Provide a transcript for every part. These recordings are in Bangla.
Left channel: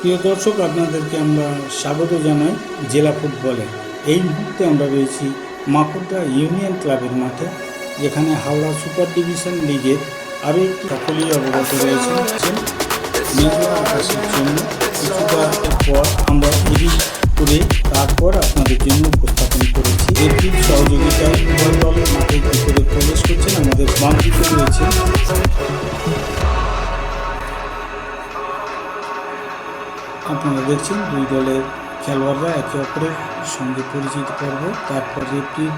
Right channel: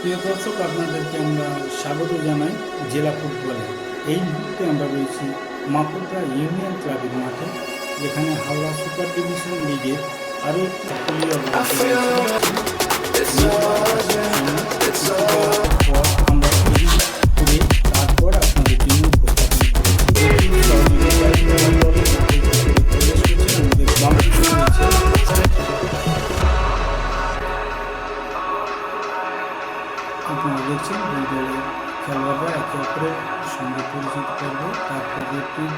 প্রিয় দর্শক আপনাদেরকে আমরা স্বাগত জানাই জেলা ফুটবলে। এই মুহূর্তে আমরা রয়েছি মাকুটা ইউনিয়ন ক্লাবের মাঠে যেখানে হাওড়া সুপার ডিভিশন লিগের আরও একটি সকলীয় অবগত রয়েছে। আমরা আপনারা দুই দলের খেলোয়াড়রা একে অপরের সঙ্গে পরিচিত করব, তারপর রেফটির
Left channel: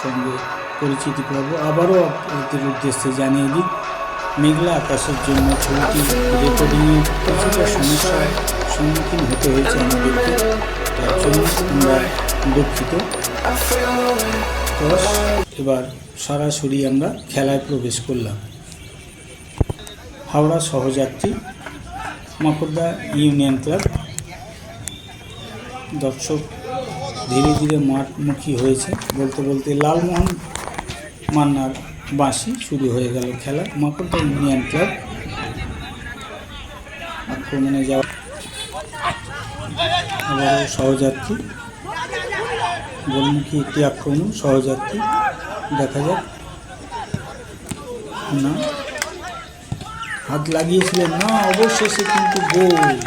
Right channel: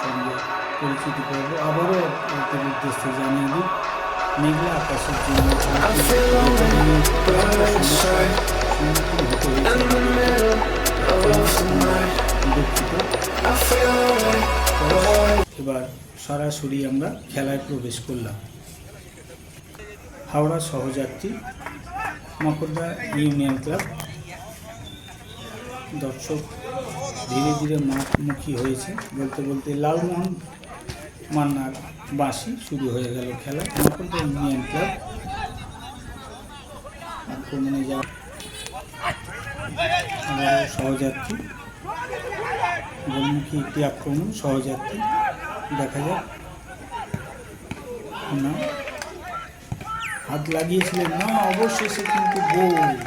সঙ্গে পরিচিতি করব। আবারও আপনাদের উদ্দেশ্যে জানিয়ে দিই, মেঘলা আকাশের জন্য ছবিটি সম্মুখীন হতে হয়েছে এবার সরাসরি আমরা খেলায় প্রবেশ করলাম। হাওড়া সহযাত্রী মাকুড়দা ইউনিয়ন ক্লাব দর্শক ধীরে ধীরে মাঠমুখী হয়েছে। বলতে বলতে লালমোহন মান্নার বাঁশি শুরু হয়ে গেল খেলা। মাকুড়দা ইউনিয়ন ক্লাব আক্রমণে যাওয়া সহযাত্রী। গোলমুখী একটি আক্রমণ, সহযাত্রী। দেখা যাক। না। হাত লাগিয়েছিলেন। না, অবশেষে কিন্তু গোল।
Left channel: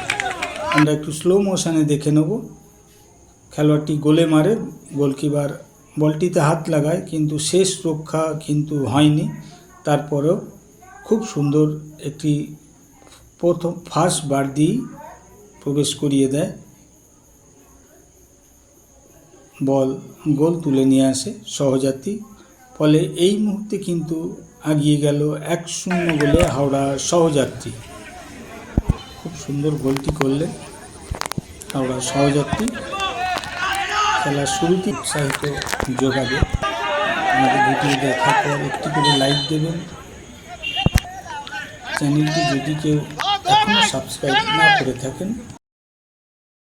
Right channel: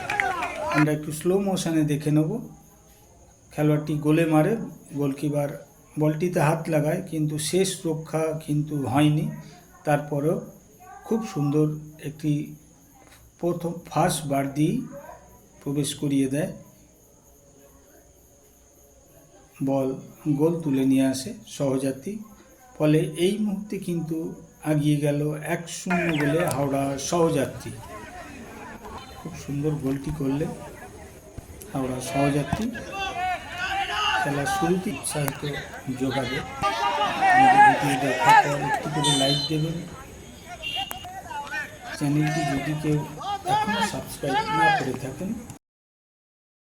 আমরা একটু স্লো মোশনে দেখে নেব। খেলোয়াড়টি গোলে মারে, গোলকিপার বলটিতে হাত লাগায়, কিন্তু শেষ রক্ষা কিন্তু হয়নি। তারপরেও খুব সুন্দর একটি প্রথম ফার্স্ট বার দিয়েই প্রবেশ করিয়ে দেয়। বল, গোল তুলে নিয়ে আসে সহযাত্রী। ফলে এই মুহূর্তে কিন্তু আগিয়ে গেল এক শূন্য গোলে হাওড়া সহযাত্রী। খুব সুন্দর গোলটি করলেন হাওড়া সহযাত্রী। খেলার শুরুতে উৎসাহিত যোগাবে। আমাদের ভিডিও দেখার পর একটি করে লাইক দেবেন। চ্যানেলটি যদি কেউ এখনও সাবস্ক্রাইব না করে থাকেন,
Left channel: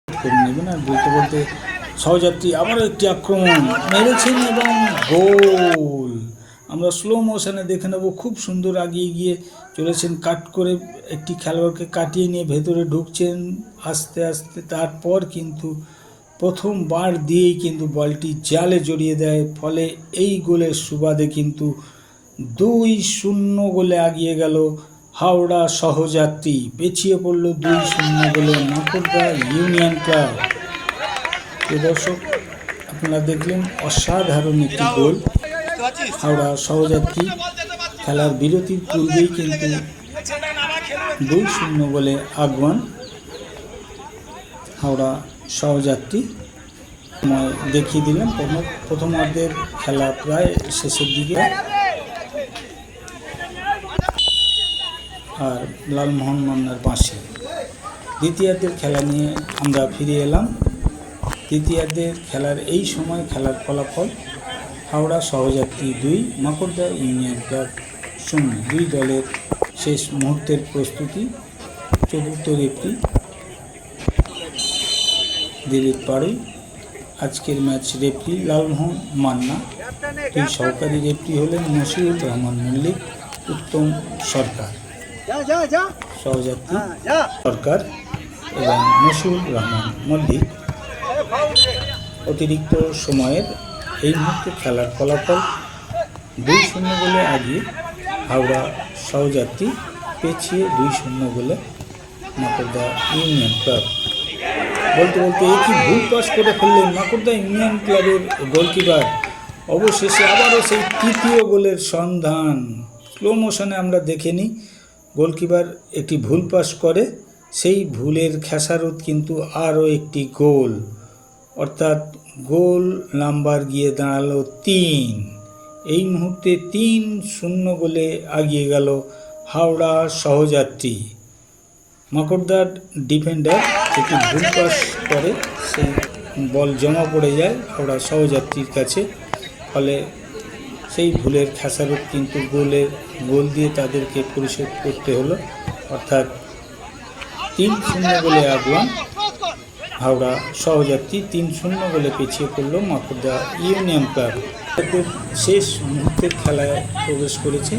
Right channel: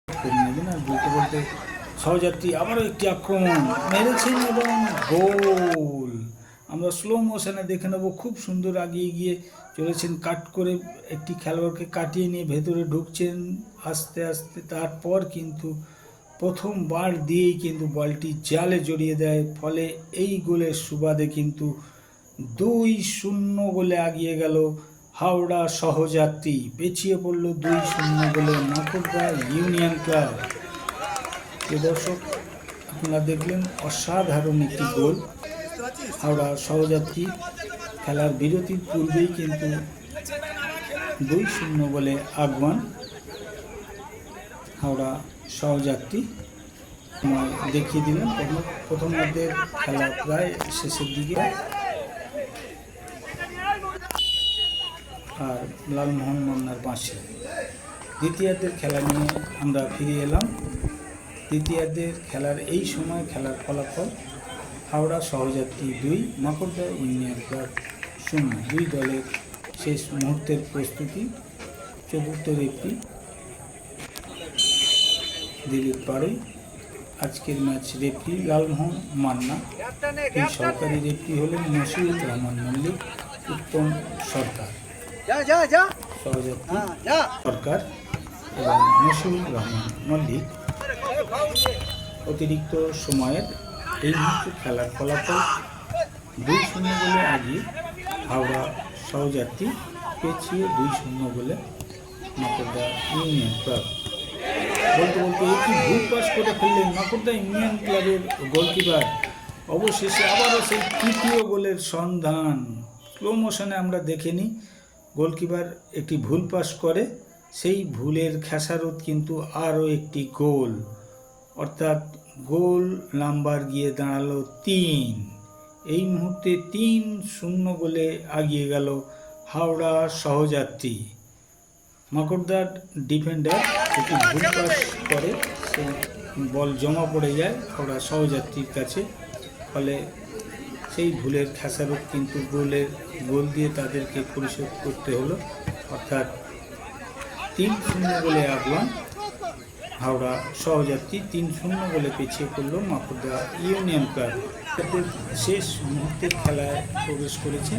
করে নেবেন আর বলতে বলতে সহযাত্রী আবারও একটি আক্রমণ মেরেছেন এবং গোল। আমরা স্লো মোশনে দেখে নেব, খুব সুন্দর আগিয়ে গিয়ে চলেছেন কাট করে একটি খেলোয়াড়কে কাটিয়ে নিয়ে ভেতরে ঢুকছেন। আস্তে আস্তে তারপর কিন্তু প্রথম বার দিয়েই কিন্তু বলটি জালে জড়িয়ে দেয়, ফলে এই গোলের সুবাদে কিন্তু দুই শূন্য গোলে আগিয়ে গেল হাওড়া সহযাত্রী। পেছিয়ে পড়ল দুই শূন্য গোলে নাকুরদা ইউনিয়ন ক্লাব। দর্শক, আপনারা দেখলেন অসাধারণ একটি গোল। হাওড়া সহযাত্রী খেলার বিরতির পূর্বেই কিন্তু দুই শূন্য গোলে আগুয়ান। হাওড়া সহযাত্রী। দেখিয়ে দিলাম, প্রথম প্রথমার্ধের খেলা প্রায় শেষের দিকে। আর লালমোহন মান্নার বাঁশি দ্বিতীয়ার্ধের খেলা নিয়ে আমরা ফিরে এলাম। তৃতীয়ার্ধের খেলার এই সময় খেলার ফলাফল হাওড়া সহযাত্রী দুই, মাকড়দা ইউনিয়ন ক্লাব শূন্য। দুই দলের শেষ মুহূর্তের প্রস্তুতি, চতুর্থ রেফরি দিলীপ পাড়ই আজকের ম্যাচ রেফরি লালমোহন মান্না। এই সহকারী রেফরি হলেন মশিউর রহমান মল্লিক উত্তম সরকার। সহযাত্রী হ্যাঁ সরকার এবং মশিউর রহমান মল্লিক। অতিরিক্ত সময়ের এই মুহূর্তে খেলার ফলাফল দুই শূন্য গোলে আগিয়ে হাওড়া সহযাত্রী পেছিয়ে দুই শূন্য গোলে মাকড়দা ইউনিয়ন ক্লাব। বলতে বলতে একই ভুল পাস করে ফেললেন মাকড়দা ইউনিয়ন ক্লাবের গোলকিপার। অবশেষে আবারও সেই তৃতীয় গোলের সন্ধান। স্লো মোশনে আমরা দেখে নিই, গোলকিপার একটি ভুল পাস করে, সেই ভুলের খেসারত কিন্তু আরও একটি গোল। অর্থাৎ গোল নাম্বার গিয়ে দাঁড়াল তিন। এই মুহূর্তে তিন শূন্য গোলে আগিয়ে গেল হাওড়া সহযাত্রী। মাকড়দার ডিফেন্ডার একটি ভুল পাস করে সেই বল জমা পড়ে যায় হাওড়া সহযাত্রীর কাছে। ফলে সেই ভুলের খেসারত কিন্তু গোলের গোল দিয়ে তাদেরকে পরিশোধ করতে হলো। অর্থাৎ তিন শূন্য গোলে আগুয়ান, হাওড়া সহযাত্রী তিন শূন্য গোলে পিছিয়ে পড়ল মাকুদা ইউনিয়ন ক্লাব। শেষ মুহূর্তের খেলায় প্রবেশ করেছে।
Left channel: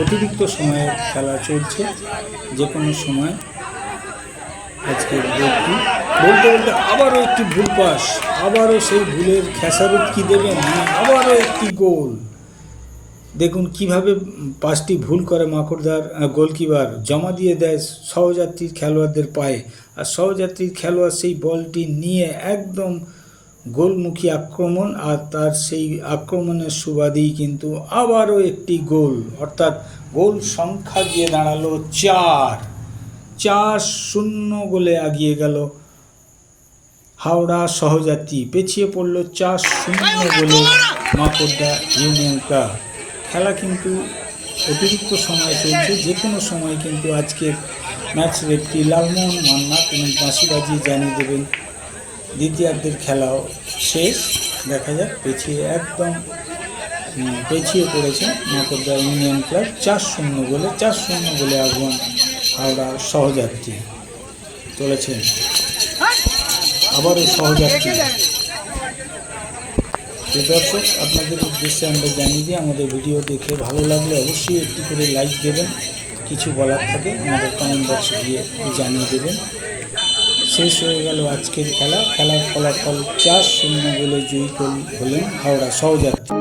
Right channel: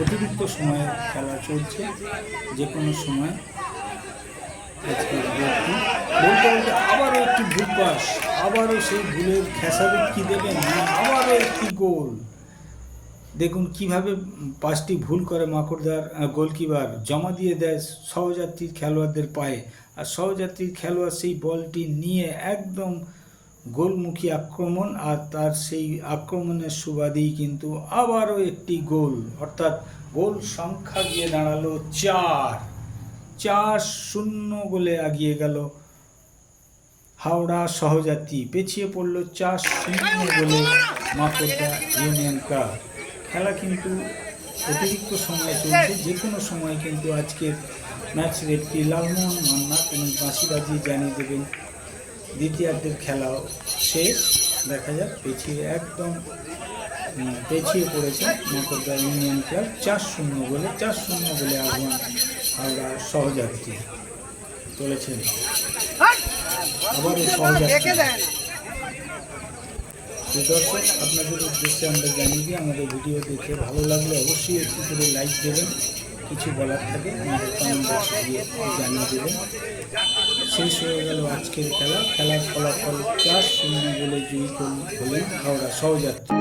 অতিরিক্ত সময়ের খেলা চলছে। যে কোনো সময় আজকের গোলটি বলতে বলতে আবারও একটি ভুল পাস আবারও সেই ভুলের খেসারত কি দেবেন আবারও একটি গোল। দেখুন কীভাবে পাঁচটি ভুল করে মাকড়দার গোলকিপার। জমা দিয়ে দেয় সহযাত্রীর খেলোয়াড়দের পায়ে। আর সহযাত্রীর খেলোয়াড় সেই বলটি নিয়ে একদম গোলমুখী আক্রমণ আর তার সেই আক্রমণের সুবাদেই কিন্তু আবারও একটি গোল। অর্থাৎ গোল সংখ্যা গিয়ে দাঁড়াল চার। চার শূন্য গোলে এগিয়ে গেল। হাওড়া সহযাত্রী পেছিয়ে পড়ল চার শূন্য গোলে মাকড়দা ইউনিয়ন ক্লাব খেলা কিন্তু অতিরিক্ত সময় চলছে যে কোনো সময় কিন্তু আজকের ম্যাচ রেফটি লালমোহন মান্না তিনি বাঁশি বাজিয়ে জানিয়ে দেবেন। দ্বিতীয়ার্ধের খেলাও শেষ, দেখা যাক, পেছিয়ে একদম পেছিয়ে পড়েছে মাকড়দা ইউনিয়ন ক্লাব। চার শূন্য গোলে, চার শূন্য গোলে আহ্বান হাওড়া সহযাত্রী চলেছেন। আবারও সহযাত্রী। তো দর্শক, আপনাদের উদ্দেশ্যে আমরা জানিয়ে দিই, আমাদের ভিডিও দেখে ভালো লাগলে অবশ্যই একটি করে লাইক দেবেন। কিছু বলার থাকে, আমাদের কমেন্ট বক্সে দিয়ে জানিয়ে দেবেন। শেষ হয়ে গেল আজকের খেলা। খেলার ফলাফল চার শূন্য বলে জয়ী হলেন হাওড়া সহযাত্রী।